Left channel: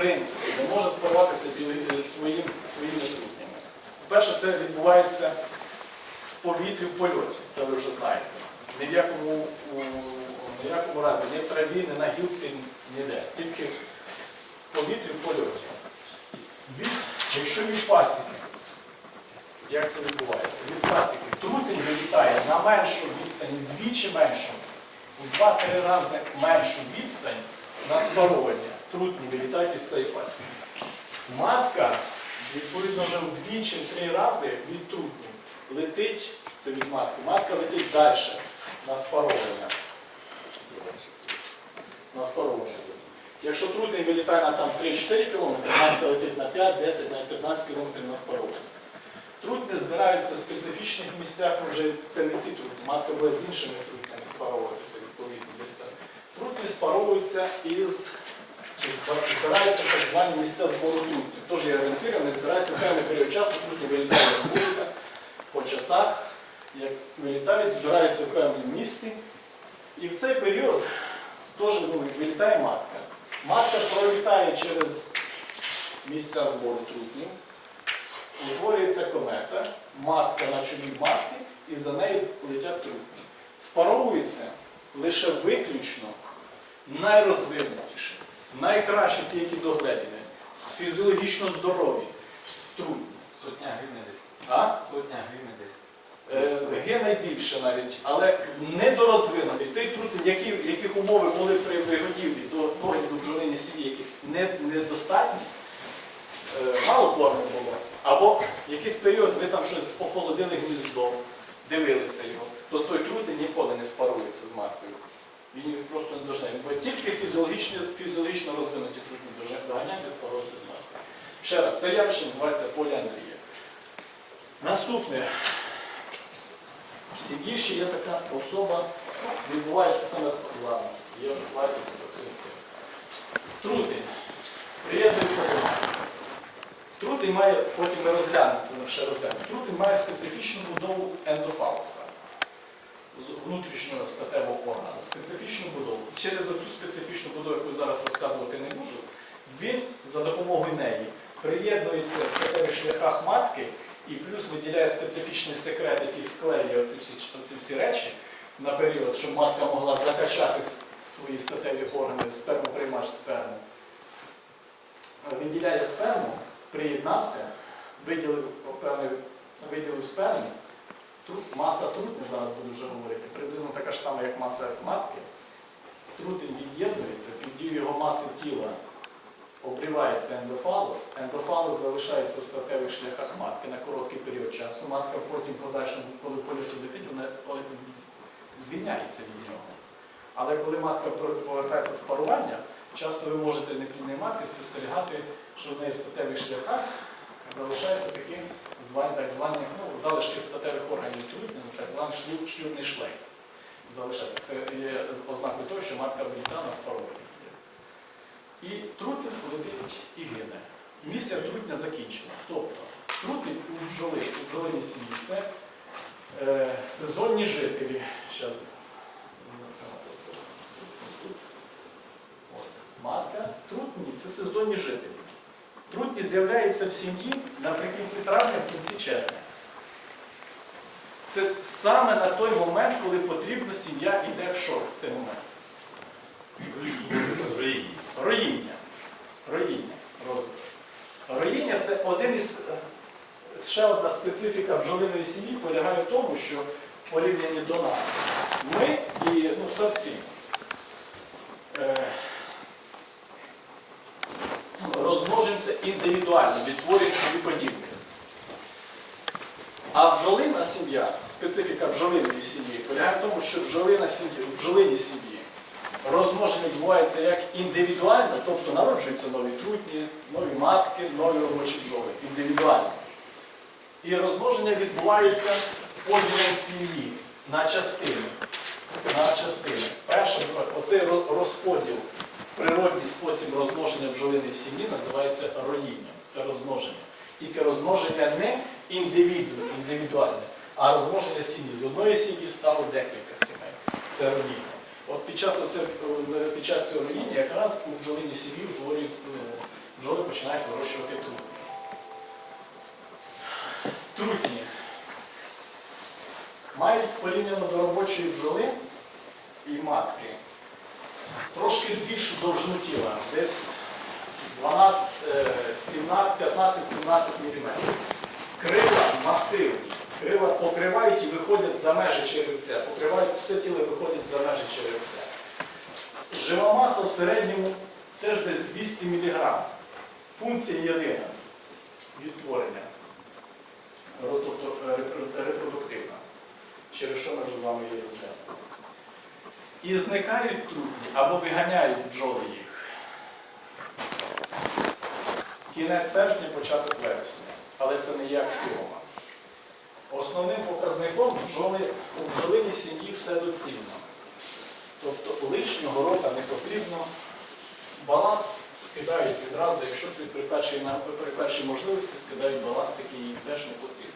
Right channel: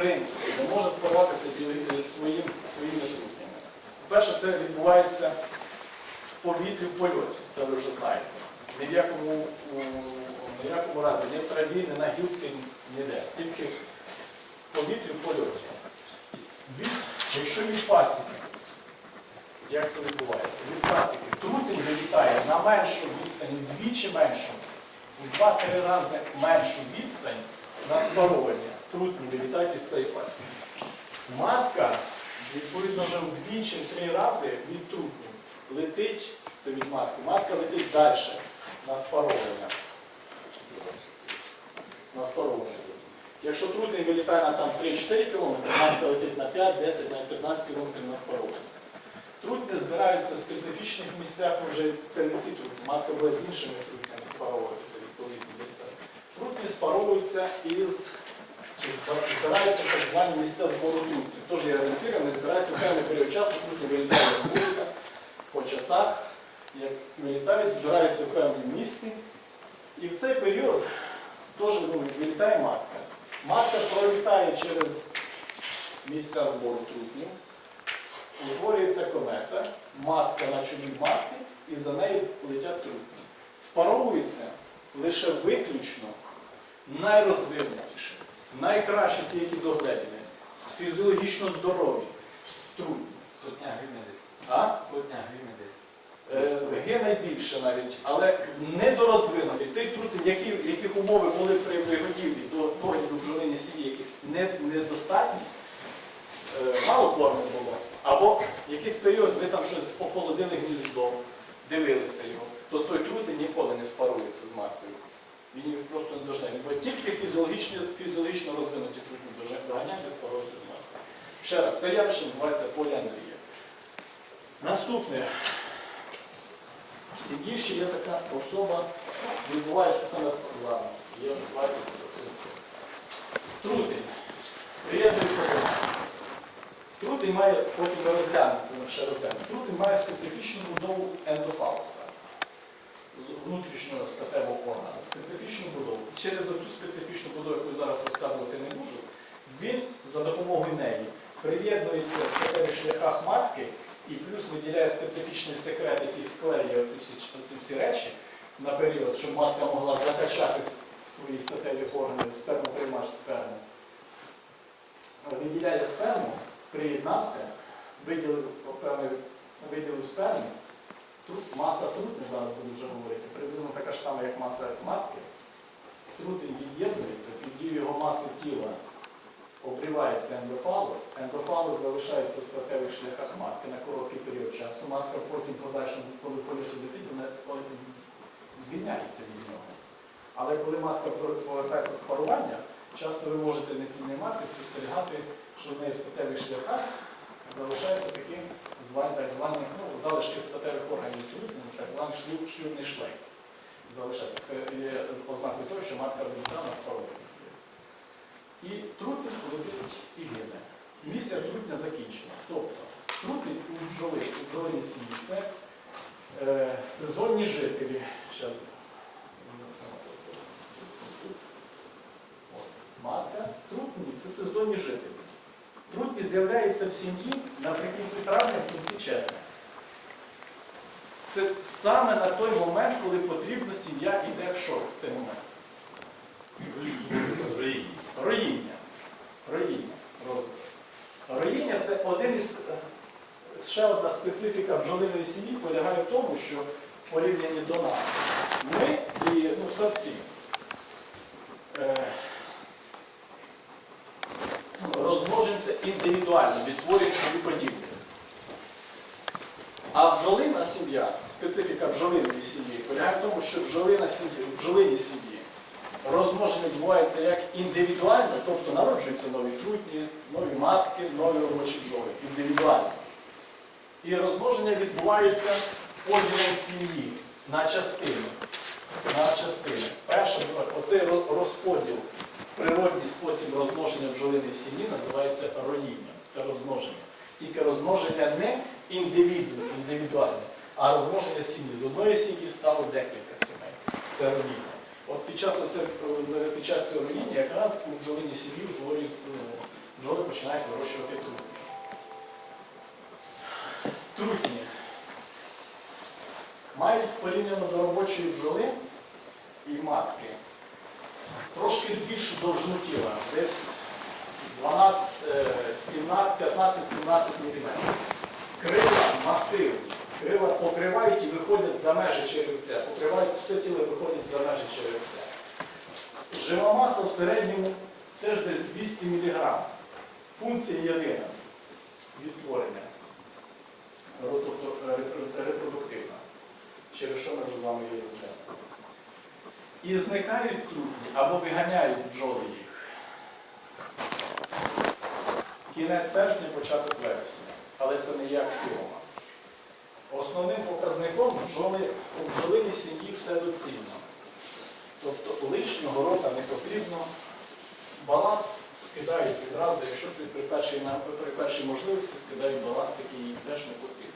принципі не може спаруватися біо- е, своїм, своїми трутнями. Перше, це відбувається в повітрі в польоті, це ви вже знаєте. Ні в якому, у- якому разі, ні в траві, ні на гілці, ніде. Тільки в повітрі в польоті. Від, якщо від пасіки, як це відбувається? Від пасіки трутень вилітає на меншу відстань, вдвічі меншу, у 2-3 рази меншу відстань на спаровання. Трутні вилітають із цієї пасіки. Матка, відповідно, вже вдвічі три рази від трутнів летить, це від матки, матка летить далі на спаровування. На спаровування. Якщо трутень вилітає на там 3-4 км, матка летить на 5, 10, навіть 15 км на спаровування. Трутні збираються в специфічних місцях, вже це не ці трутні, матка буде з іншими трутнями спаровуватися відповідно десь так. Трутні спаровуються із чи збира- збираються так звані місця збору трутнів. Тож є збираються в певний період часу, трутні вилітають з вулика по часах, як вилітають, збираються в певному місці. І в цей період теж ну, вилітає матка. Матка пролітає через місця збору трутнів, утворюється комета, матка на чолі матки, і за нею летять трутні. Спаровуються лише виключно найрозвинутіші, найкращі ті, які догледені, з фізіологічно здорові трутні. Сотня гривень десь. А? Сотня гривень десь. Е, Ге найбільше навіть, але недорозвинутий. Той трутень, які, яких умови були при вигодівлі до догляду бджолині сім'ї якісь не, недостатні, е, мало корму було, або якийсь період ви там щось похолодили гніздо, дивилися його, то той трутень ніколи не спарується з маткою. Він їх просто не дожне. Бо тільки фізіологічно, фізіологічно розвинуті трутні дожне- доганяють і спаруються з маткою. Ще раз, це явище називається поліандрія. Наступне. В сім'ї є така особа, відбувається саме складно. Є вже слайди про цю все. Трутень. Приєднується до. Трутень має, потім ми розглянемо, це ще розглянемо. Трутень має специфічну будову ендофалуса, з внутрішнього статевого органу, специфічну будову. Через цю специфічну будову, яку я зараз розказувати не буду, він за допомогою неї приєднується в статевих шляхах матки і плюс виділяє специфічний секрет, який склеює оці всі, оці всі речі на період, щоб матка могла закачати свої статеві органи, спермоприймач сперму. Виділяє сперму, приєднався, виділив, виділив сперму, Трут, маса трутня, зараз буду вже говорити, приблизно така ж сама, як маса матки. Трутень від'єднується, під дією його маси тіла обривається ендофалус, ендофалус залишається в статевих шляхах матки на короткий період часу. Матка потім подальшому, коли польоті летить, вона звільняється від нього. Але коли матка повертається з парування, часто ви можете не піднімати, спостерігати, що в неї в статевих шляхах залишається такі звані, так звані ну, залишки статевих органів трутня, так званий шлюб, шлюбний шлейф. Залишається. Це є ознакою того, що матка вилітала на спарування. І трутень летить і гине. Місія трутня закінчена. Тобто трутень у бджоли, у бджолиній сім'ї це е, сезонні жителі. Щас. Матка, трутні це сезонні жителі. Трутні з'являються в сім'ї наприкінці травня, в кінці червня. Це саме на той момент, коли потрібно, сім'я йде в що в цей момент. Роїння. Роїння. Розвиток. Роїння це один із е, ще одна специфіка бджолиної сім'ї полягає в тому, що в порівнянні до нас ми і ну, савці е, розмножимося індивідуально, відтворюємо собі подібне. А бджолина сім'я, специфіка бджолиної сім'ї полягає в тому, що бджолина сім'ї, в бджолиній сім'ї розмноження відбувається як індивідуально, тобто народжуються нові трутні, нові матки, нові робочі бджоли. Індивідуально. І розмноження відбувається поділом сім'ї на частини. На частини. Перше, оцей розподіл, природній спосіб розмноження бджолиної сім'ї називається роїнням. Це розмноження. Тільки розмноження не індивіду, індивідуальне, а розмноження сім'ї. З одної сім'ї стало декілька сімей. Це роїння. От під час, оце, е, під час цього роїння якраз у бджолиній сім'ї утворюється, починають вирощувати трутні. Трутні мають порівняно до робочої бджоли і матки трошки більшу довжину тіла, десь 12, е, 17, 15-17 мм. Крила масивні. Крила покривають і виходять за межі черевця. Покривають все тіло і виходять за межі черевця. Жива маса в середньому теж десь 200 мг. Функція єдина відтворення, репродуктивна, через що ми вже з вами її розглянули. І зникають трутні або виганяють бджоли їх. Кінець серпня, початок вересня. Але це не є аксіома. Основним показником бджоли у бджолиній сім'ї все доцільно. Тобто лишнього рока не потрібно. Баласт скидають відразу, якщо це при першій, при першій можливості скидають баласт, який їм теж не потрібен.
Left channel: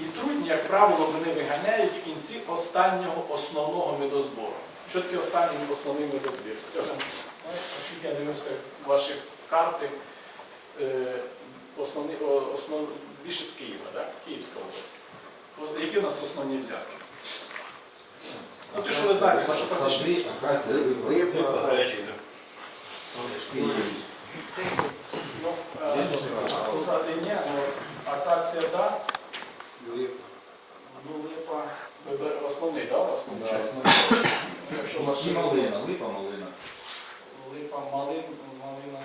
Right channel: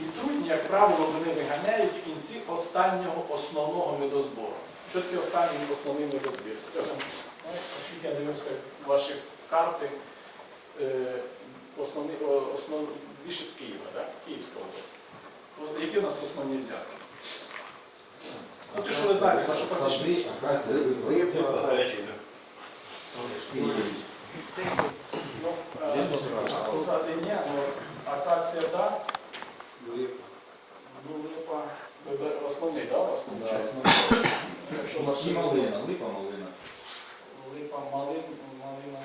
І трудні, як правило, вони виганяють в кінці останнього основного медозбору. Що таке останній основний медозбір? Скажімо, ну, оскільки я дивився ваші карти, е, основні, основ, більше з Києва, так? Київська область. Які у нас основні взятки? Ну, те, що ви знаєте, нашу пасічну. акація, Ну, е, посади ні, ну, акація, так. Ну, липа, основний, да, у вас виходить? Якщо ваш І малина, липа малина. липа, малин, малина,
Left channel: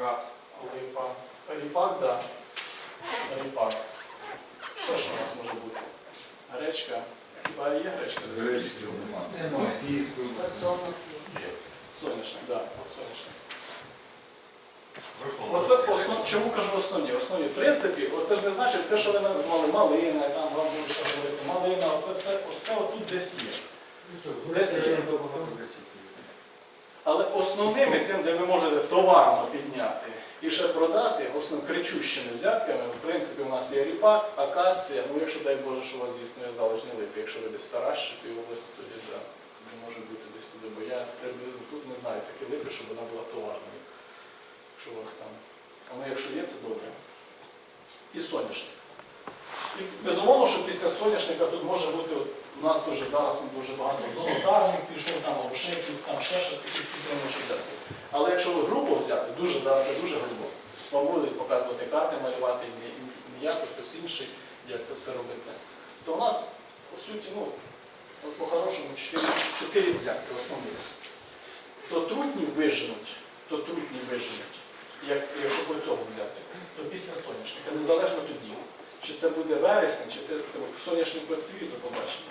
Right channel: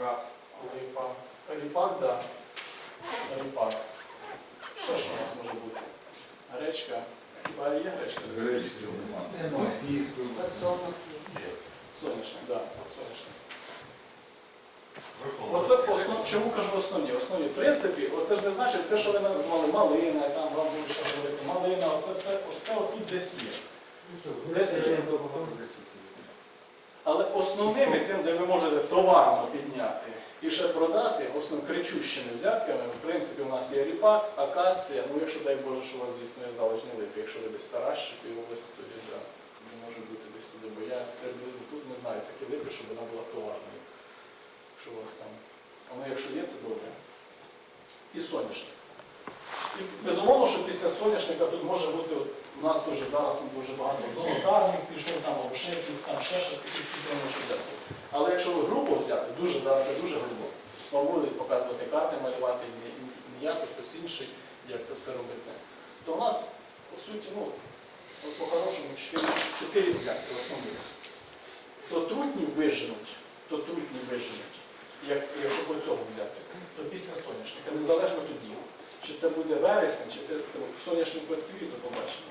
Раз. липа, ріпак, да. Ріпак. Що ж у нас може бути? Гречка. Хіба є гречка? Гречки нема. Київської Соняшник, так, да, соняшник. Оце основ... чому кажу основні? Основні. Принципі, оце ж не значить те, що ви назвали малина, там вам буде ще говорити малина, оце все, все отут десь є. Десь є. Але основними тим, де ви можете товарно підняти і ще продати, основним кричущими взятками, в принципі, у нас є ріпак, акація, ну якщо дай Боже, що у вас дійсно є залежні липи, якщо ви десь Таращикої області, тоді да, тоді може бути десь туди, бо я приблизно тут не знаю такі липи, щоб вона була товарною. Якщо у вас там. Воно якщо є, це добре. І соняшник. І безумовно, що після соняшника тут може бути, от, у нас дуже зараз дуже багато золотарник пішов, там, або ще якісь там, ще щось, якісь підтримуючі взяти. Але якщо ви групу взяти, дуже зараз це дуже грубо. Вам будуть показувати карти, малювати не, я, хтось інший, як це все робиться. То у нас, по суті, ну, по-хорошому, чотири, чотири взятки основних. То трутні виженуть, то трутні виженуть, як, якщо по цьому взяти, то після соняшника, незалежно тоді. Чи це буде вересень, чи це- соняшник то побачимо.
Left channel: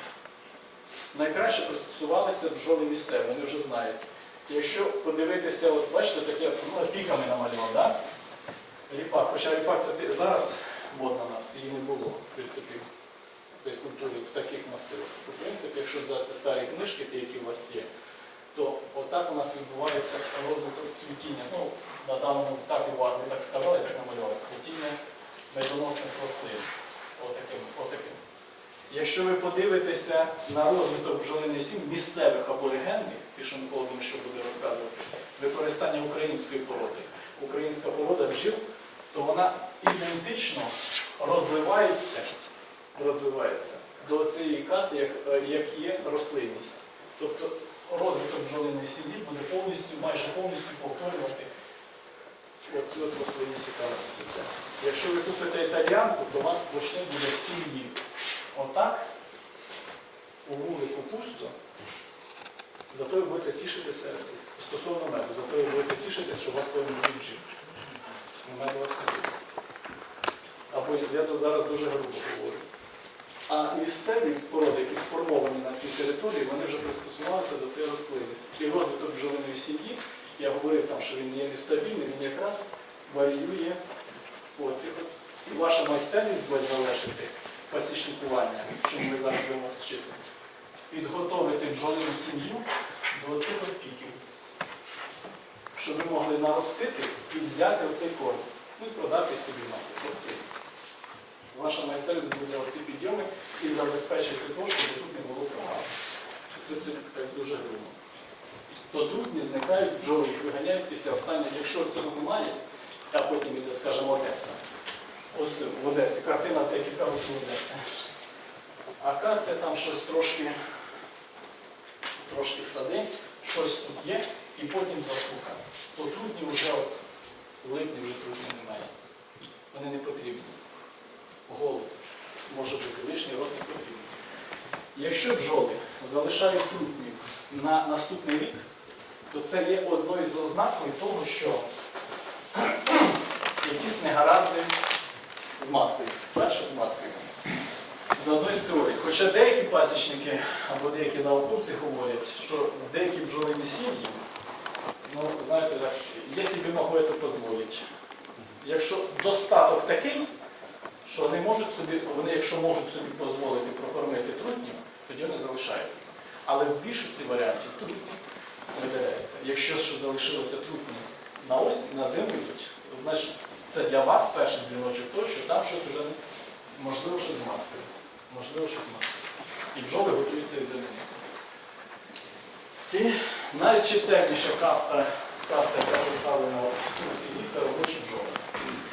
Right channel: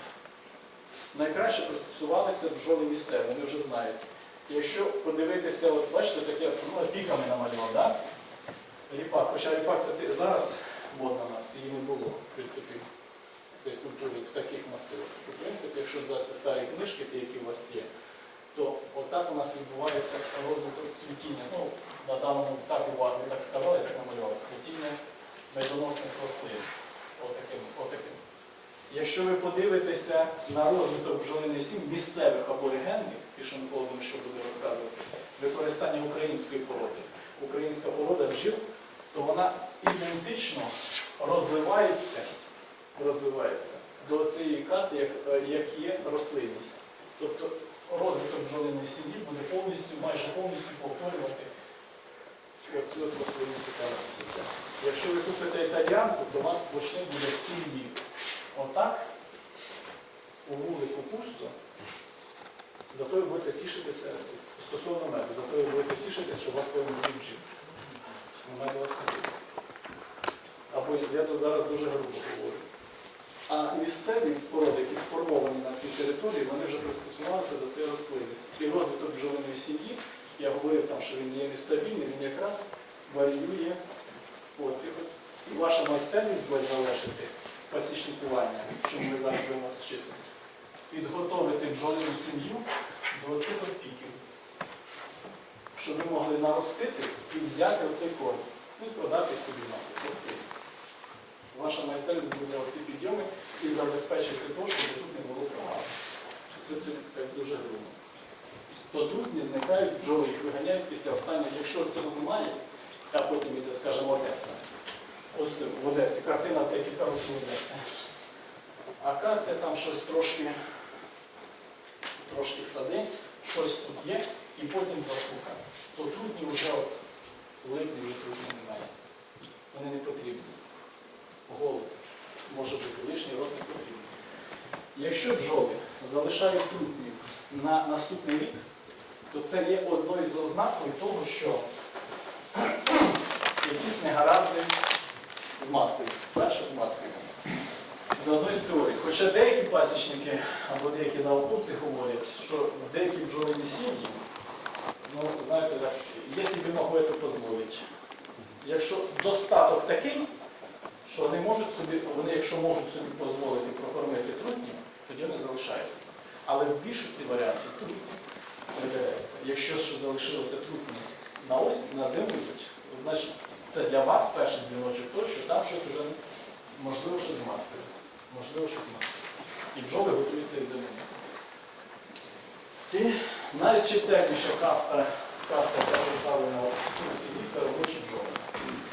Найкраще пристосувалися бджоли місцеві, вони вже знають. Якщо подивитися, от бачите, таке ну, піками намалював, да? ріпак. Хоча ріпак це зараз модна у нас, її не було, в принципі, в цій культурі в таких масивах. В принципі, якщо взяти старі книжки, ті, які у вас є, то отак у нас відбувається розвиток цвітіння. Ну, на даному етапі ви так сказали, так намалювали, цвітіння медоносних рослин. Отаким, отаким. Якщо ви подивитеся на розвиток бджолиних сім місцевих аборигенних, Микола думаю, що буде розказувати, використання української породи, українська порода бджіл, то вона ідентично розвивається, розвивається до цієї карти, як, як є рослинність. Тобто розвиток бджолиної сім'ї буде повністю, майже повністю повторювати оцю от рослинність, яка. Якщо ви купите італіанку, то у вас почне буде в сім'ї. Отак, у вулику пусто, зато ви будете тішитися стосовно меду, зато ви будете тішитися, що у вас повинен. Ну, Меду у вас не буде. Або я то зараз дуже грубо говорю. А місцеві породи, які сформовані на цій території, вони вже пристосувалися до цієї рослинності. І розвиток бджолиної сім'ї, я говорив там, що він є нестабільний, він якраз варіює по цих от. І ваша майстерність буде залежати пасічникування, що ми зараз будемо вчити. Підготовити бджолину сім'ю до цих піків, щоб ви могли наростити і взяти оцей корм. Ну і продати собі мати. Оцей. Ваша майстерність буде оці підйоми і забезпечити те, щоб тут не було програми. Це так дуже грубо. То трутні зникають, бджоли їх виганяють після останнього. Якщо цього немає, а потім іде, скажімо, Одеса. Ось в Одесі, картина декілька років Одеси. Акація там щось трошки, трошки сади, щось тут є, і потім засуха. То трутні вже от, липні вже трутні немає. Вони не потрібні. Голод може бути лишній рот не потрібен. Якщо бджоли залишають трутнів на наступний рік, то це є одною з ознакою того, що якісь негаразди з маткою. Перше з маткою. За одною з теорій. Хоча деякі пасічники або деякі науковці говорять, що деякі бджолині сім'ї, ну, знаєте, так, якщо могли, то дозволить. Якщо достаток такий, що не можуть собі, вони, якщо можуть собі дозволити прокормити трутнів, тоді вони залишають. Але в більшості варіантів трутні видаляється. Якщо ще залишилося трутні на ось, на зиму йдуть, значить це для вас перший дзвіночок той, що там щось вже можливо щось з маткою. Можливо, щось з маткою. І бджоли готуються із замінити. І найчисельніша каста, каста, яка представлена у сім'ї, це робочі бджоли.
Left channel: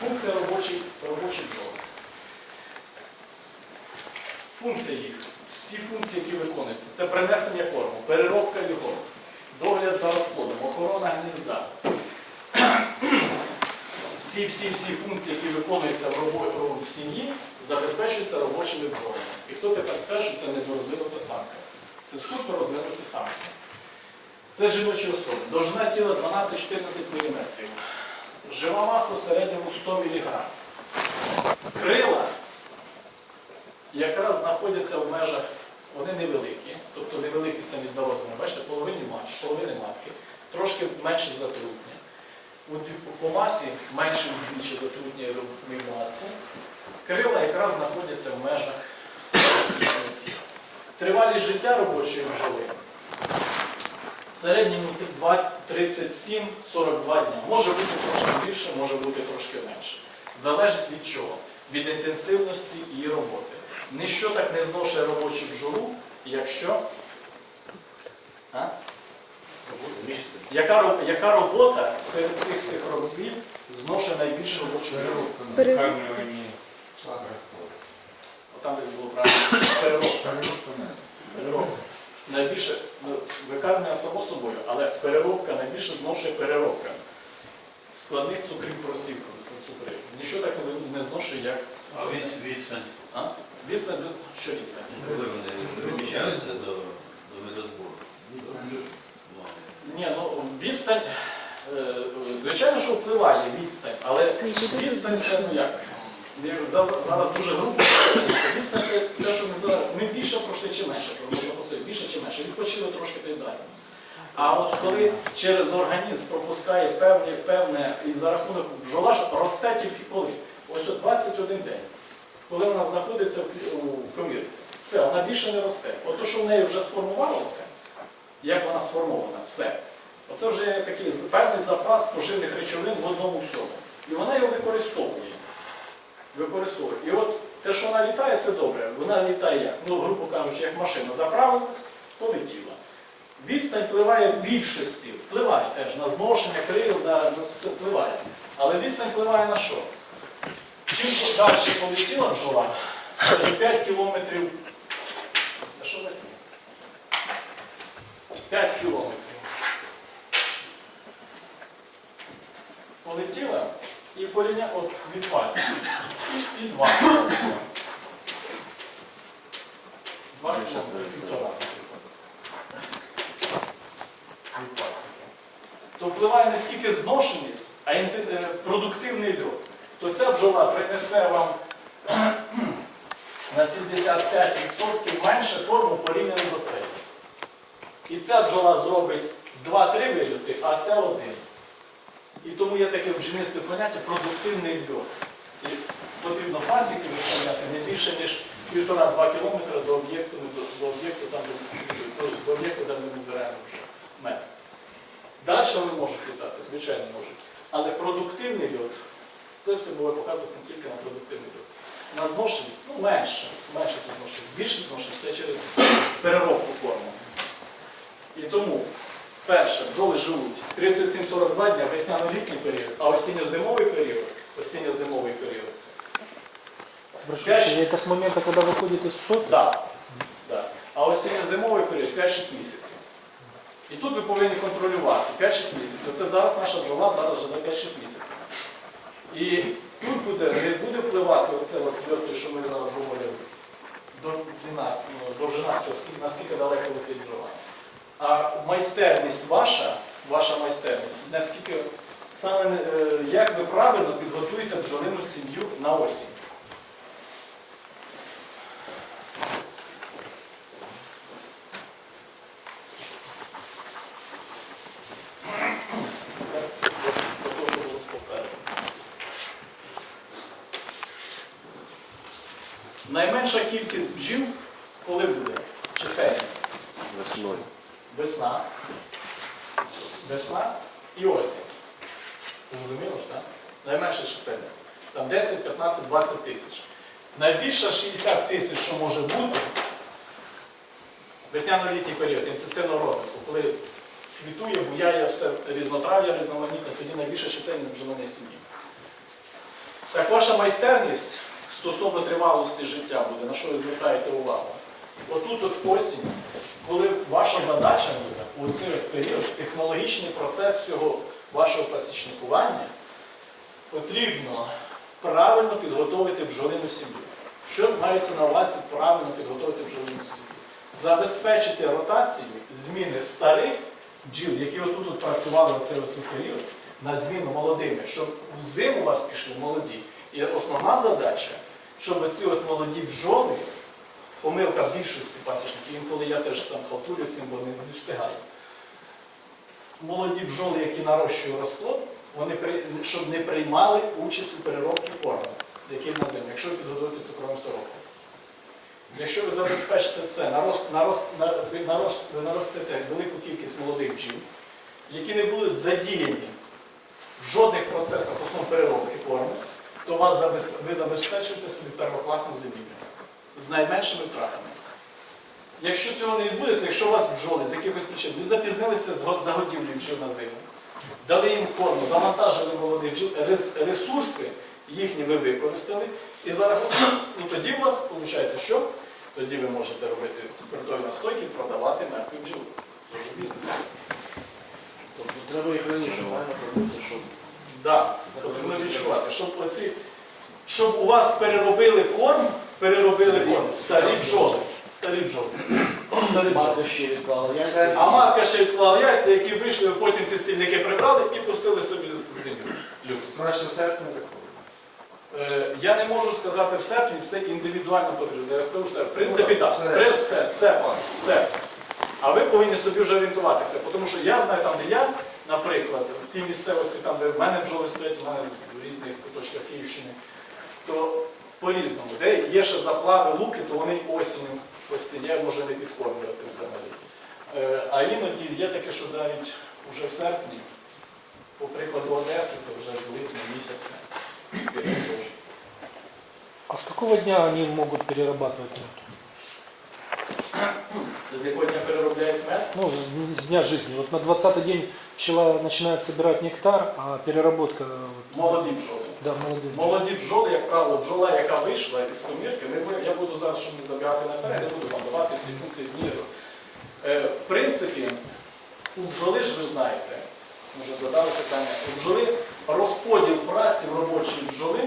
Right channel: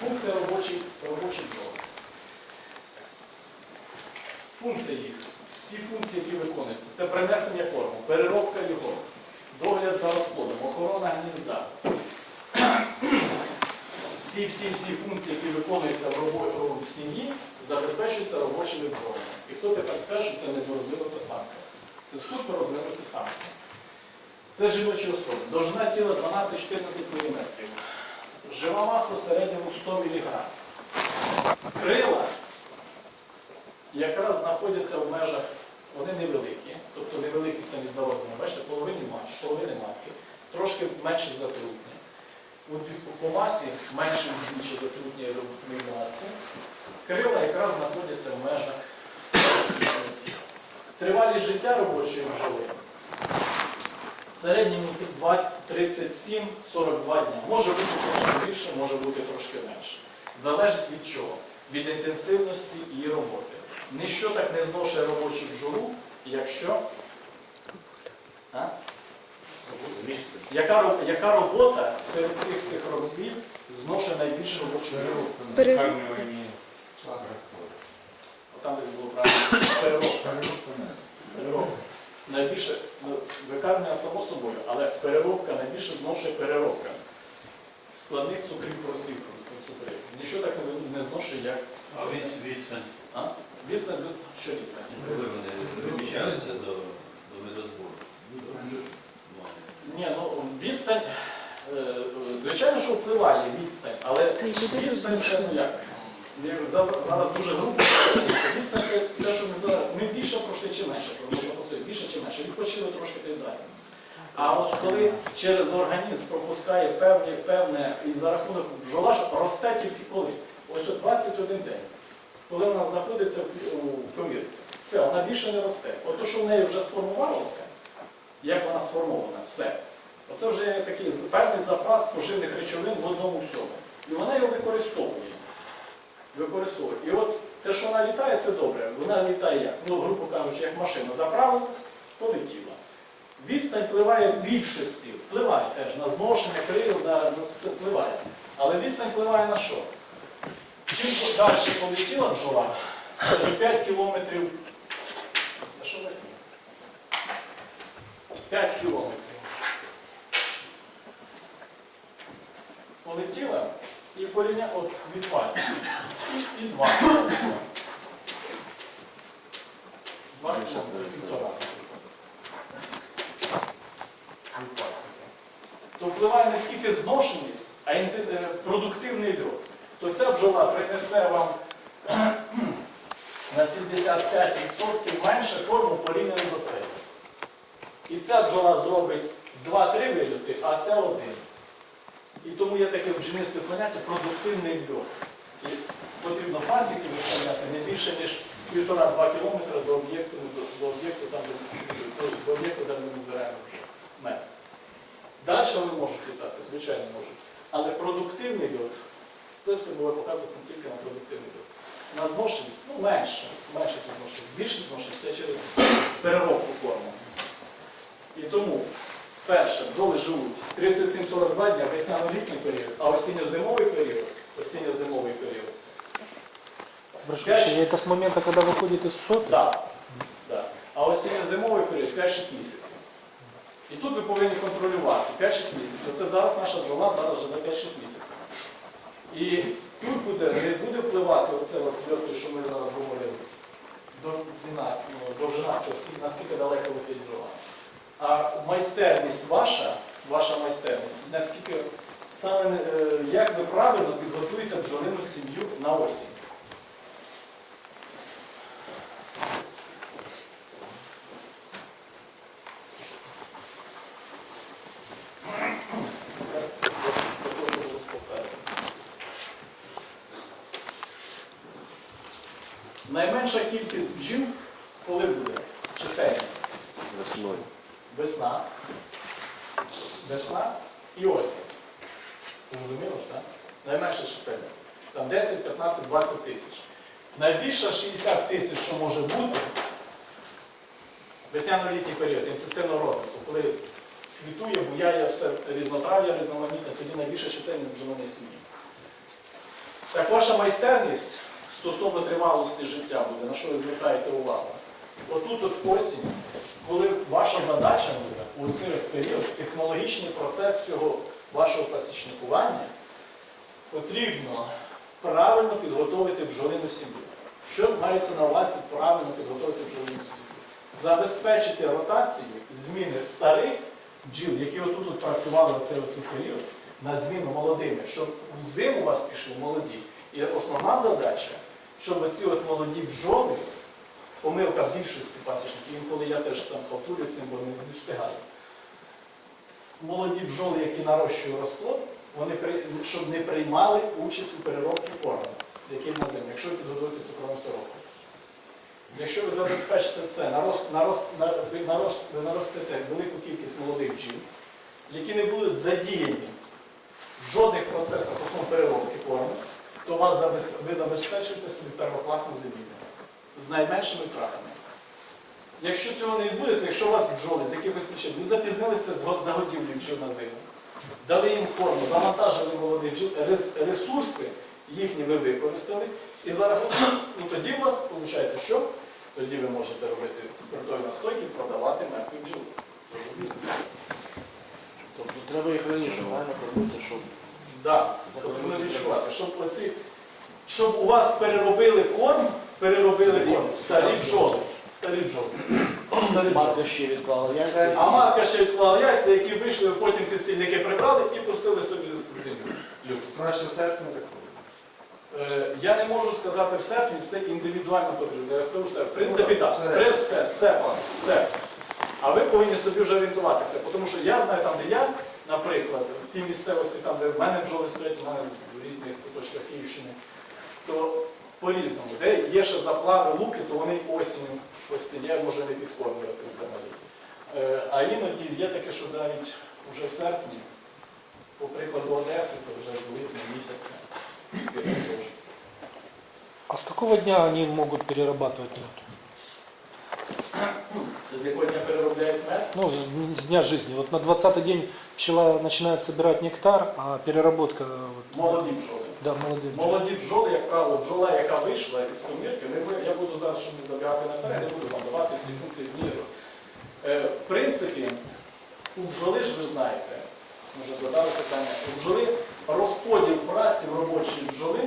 Функція робочі, робочі бджоли. Функції їх, всі функції, які виконуються, це принесення корму, переробка його, догляд за розплодом, охорона гнізда. Всі, всі, всі функції, які виконуються в, робо- в сім'ї, забезпечуються робочими бджолами. І хто тепер скаже, що це недорозвинута самка? Це супер розвинуті самки. Це жіночі особи. Довжина тіла 12-14 мм. Жива маса в середньому 100 мг. Крила якраз знаходяться в межах, вони невеликі, тобто невеликі самі за. Бачите, половини матки, половини матки, трошки менше затрутні. По масі менше вдвічі затрутні матки. Крила якраз знаходяться в межах. Тривалість життя робочої бджоли в середньому 37-42 дня. Може бути трошки більше, може бути трошки менше. Залежить від чого? Від інтенсивності її роботи. Ніщо так не зношує робочу бджолу, якщо. А? Яка, яка робота серед цих всіх робіт зношує найбільше робочу бджолу? Викармлювані Там десь було правильно переробка. Переробка Найбільше ну, викармлення само собою, але переробка найбільше зношує переробка складних цукрів простих цукрів. Нічого так не, зношує, як А від- відстань, а? відстань, що відстань? коли вони переміщаються до, до медозбору? Ні, ну відстань, е, звичайно, що впливає відстань, але відстань це ну як? Я за- Зараз дуже грубо. Відстань це те, що ми зараз ми більше пройшли чи менше, можна посилити, більше чи менше, відпочили трошки та й далі. А от коли через організм пропускає певне, певне і за рахунок бджола ж росте тільки коли? Ось от 21 день. Коли вона знаходиться у комірці, все, вона більше не росте. От то, що в неї вже сформувалося, як вона сформована, все. Оце вже такий певний запас поживних речовин в одному всьому. І вона його використовує. Використовує. І от те, що вона літає, це добре. Вона літає як? Ну, грубо кажучи, як машина. Заправилась, полетіла. Відстань впливає в більшості, впливає теж на зношення крил, на, на все впливає. Але відстань впливає на що? Чим далі полетіла бджола, скажімо, 5 кілометрів. Та що за фігня? 5 кілометрів. Полетіла і порівня от від. І, і 2 кілометри. 2 кілометри. Від пасіки. То впливає не скільки зношеність, а е, продуктивний льот. То ця бджола принесе вам на 75% менше корму порівняно до цієї. І ця бджола зробить 2-3 вильоти, а ця один. І тому є таке бджільництве поняття продуктивний льот. І потрібно пасіки виставляти не більше, ніж 1,5-2 кілометри до об'єкту, до, до об'єкту, там, до, до об'єкту, де ми не збираємо вже мед. Далі вони можуть літати, звичайно можуть. Але продуктивний льот, це все було показано тільки на продуктивний льот. На зношеність, ну менше, менше тут зношеність. Більше зношеність це через переробку корму. І тому Перше, бджоли живуть 37-42 дня, весняно-літній період, а осінньо-зимовий період, осінньо-зимовий період. Прошу Пять- прощения, это с момента, когда выходит из соты? Да. Да. А осінньо-зимовий період 5-6 місяців. І тут ви повинні контролювати 5-6 місяців. Оце зараз наша бджола зараз живе 5-6 місяців. І тут буде, не буде впливати оце от що ми зараз говорили, довжина, ну, довжина цього, наскільки далеко летить бджола. А майстерність ваша, ваша майстерність, наскільки саме е, як ви правильно підготуєте бджолину сім'ю на осінь. Продовжую попереду. Найменша кількість бджіл, коли буде чисельність? Весною. Весна. Весна і осінь. Зрозуміло ж, так? Найменша чисельність. Там 10, 15, 20 тисяч. Найбільша 60 тисяч, що може бути, весняно-літній період інтенсивного розвитку, коли квітує, буяє все різнотрав'я, різноманітне, тоді найбільша чисельність бджолиної сім'ї. Так ваша майстерність стосовно тривалості життя буде, на що ви звертаєте увагу? Отут от осінь, коли ваша задача буде у цей період, технологічний процес цього вашого пасічникування, потрібно правильно підготовити бджолину сім'ю. Що мається на увазі правильно підготовити бджолину сім'ю? Забезпечити ротацію зміни старих бджіл, які отут от працювали в цей період, на зміну молодими, щоб в у вас пішли молоді. І основна задача, щоб ці от молоді бджоли, помилка більшості пасічників, інколи я теж сам халтурю цим, бо не встигаю. Молоді бджоли, які нарощують розплод, вони щоб не приймали участь у переробці корму, який на зиму, якщо ви підготуєте цукровим сиропом. Якщо ви забезпечите це, нарост, нарост, нарост, наростите велику кількість молодих бджіл, які не будуть задіяні в жодних процесах основ переробки корму, то вас ви забезпечуєте собі первокласну зимівлю з найменшими втратами. Якщо цього не відбудеться, якщо у вас бджоли з якихось причин не запізнилися з го- загодівлею бджіл на зиму, дали їм корму, завантажили молодих бджіл, ресурси їхні ви використали, і за рахунок, ну тоді у вас виходить, що? Тоді ви можете робити спиртові настойки, продавати мертві бджіл. Тож бізнес. Тобто треба їх раніше правильно робити, щоб Да, потрібно відчувати, щоб оці, щоб у вас переробили корм, переробили корм, старі бджоли. Старі бджоли. Старі бджоли. ще. А матка ще відклала яйця, які вийшли, потім ці стільники прибрали і пустили собі в землю. Люкс. Краще в серпні закрили. Е, Я не можу сказати в серпні, це індивідуально потрібно. Я скажу все. В принципі, Ну, так. все. Все, все, все. А ви повинні собі вже орієнтуватися, тому що я знаю там, де я, наприклад, в тій місцевості, там, де в мене бджоли стоять, в мене в різних куточках Київщини, то по-різному. Де є ще заплави луки, то вони й осінню стіні, я може не підкормлювати взагалі. Е, А іноді є таке, що навіть вже в серпні, по прикладу Одеси, то вже з липня місяця. підготовлюють. А с какого дня они могут перерабатывать мед? З якого дня переробляють мед? Ну, с дня жизни. Вот на 20-й день пчела начинает собирать нектар, а переработка... Вот, Молоді бджоли. да, молодые. Молоді бджоли, як правило, бджола, яка вийшла із комірки, не бу- я буду зараз, щоб не забігати наперед, не буду вам давати всі функції міру. Е, в принципі, у бджоли ж ви знаєте, може задали питання, у бджоли розподіл праці в робочій бджоли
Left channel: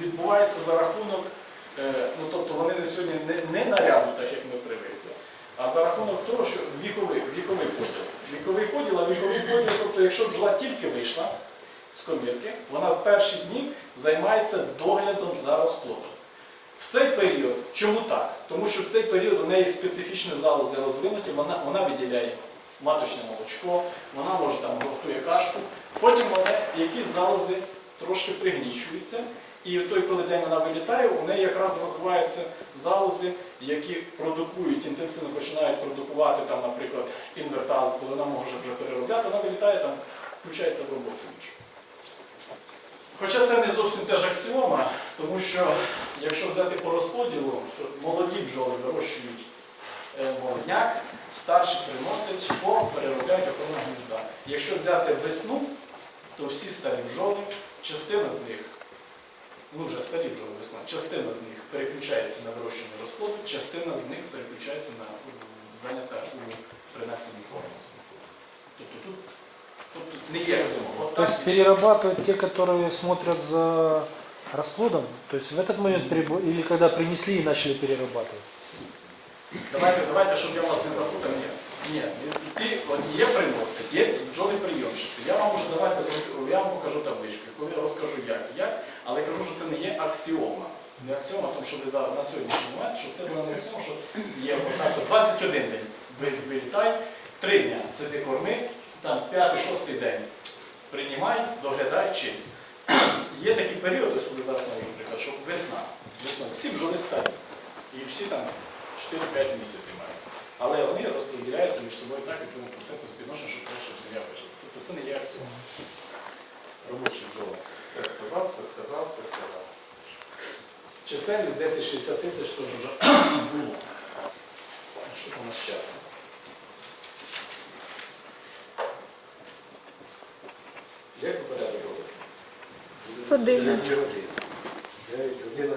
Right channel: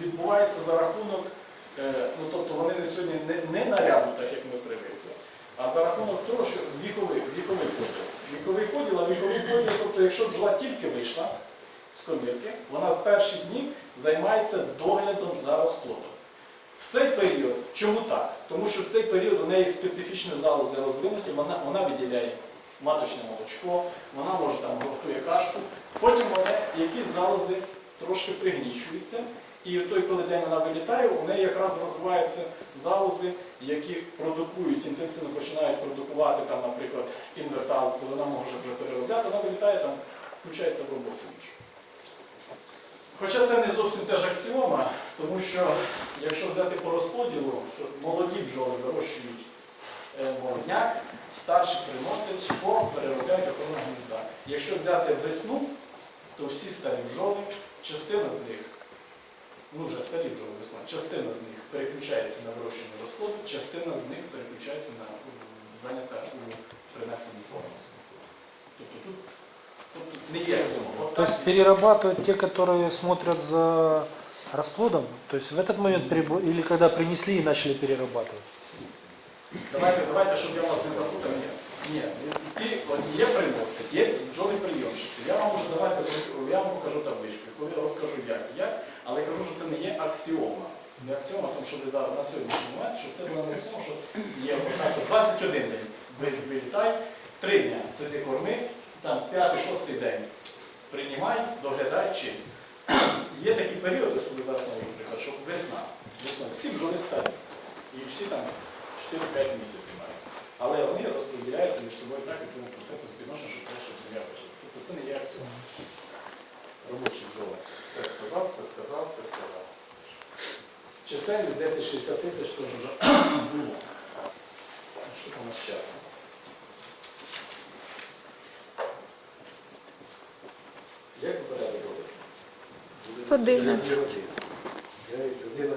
відбувається за рахунок, ну тобто вони не сьогодні не, не наряду, так як ми привикли, а за рахунок того, що віковий, віковий поділ. Віковий поділ, а віковий поділ, тобто якщо бджола тільки вийшла, з комірки, вона з перших днів займається доглядом за розплодом. В цей період, чому так? Тому що в цей період у неї специфічні залози розвинуті, вона, вона виділяє маточне молочко, вона може там готує кашку, потім вона, якісь залози трошки пригнічуються, і в той, коли день вона вилітає, у неї якраз розвиваються залози, які продукують, інтенсивно починають продукувати, там, наприклад, інвертаз, коли вона може вже переробляти, вона вилітає, там, включається в роботу іншу. Хоча це не зовсім теж аксіома, тому що якщо взяти по розподілу, що молоді бджоли вирощують е, молодняк, старший приносить по переробляють охорону гнізда. Якщо взяти весну, то всі старі бджоли, частина з них, ну вже старі бджоли весна, частина з них переключається на вирощення розплоду, частина з них переключається на м, зайнята у принесенні корму. Тобто тут, тобто не є цьому. От То так есть і все. перерабатывают те, которые смотрят за расплодом? То есть в этот момент перебо- или когда принесли и начали перерабатывать? Давайте, давайте, щоб я вас не запутав. Ні. Ні, ті от є приносить, є бджоли прийомщиці. Я вам можу давайте зроблю- я вам покажу табличку, коли я розкажу як, як, але кажу, що це не є аксіома. Не аксіома, тому що ви зараз на сьогоднішній момент, що це була не аксіома, що є отак, 21 день вилітай, 3 дня сиди корми, там 5-6 день приймай, доглядай, чисть. Є такий період, ось ви зараз навіть, наприклад, що весна. Весна. Всі бджоли старі. І всі там 4-5 місяців мають. Але вони розподіляються між собою так, якому проценту співношення, щоб краще сім'я вижила. Тобто це не є аксіома. Робочі бджоли. Це сказав, це сказав, це сказав. Чисельність 10-60 тисяч теж вже було. Що там у нас з часом? Як ви порядок робите? Година. 9, 11.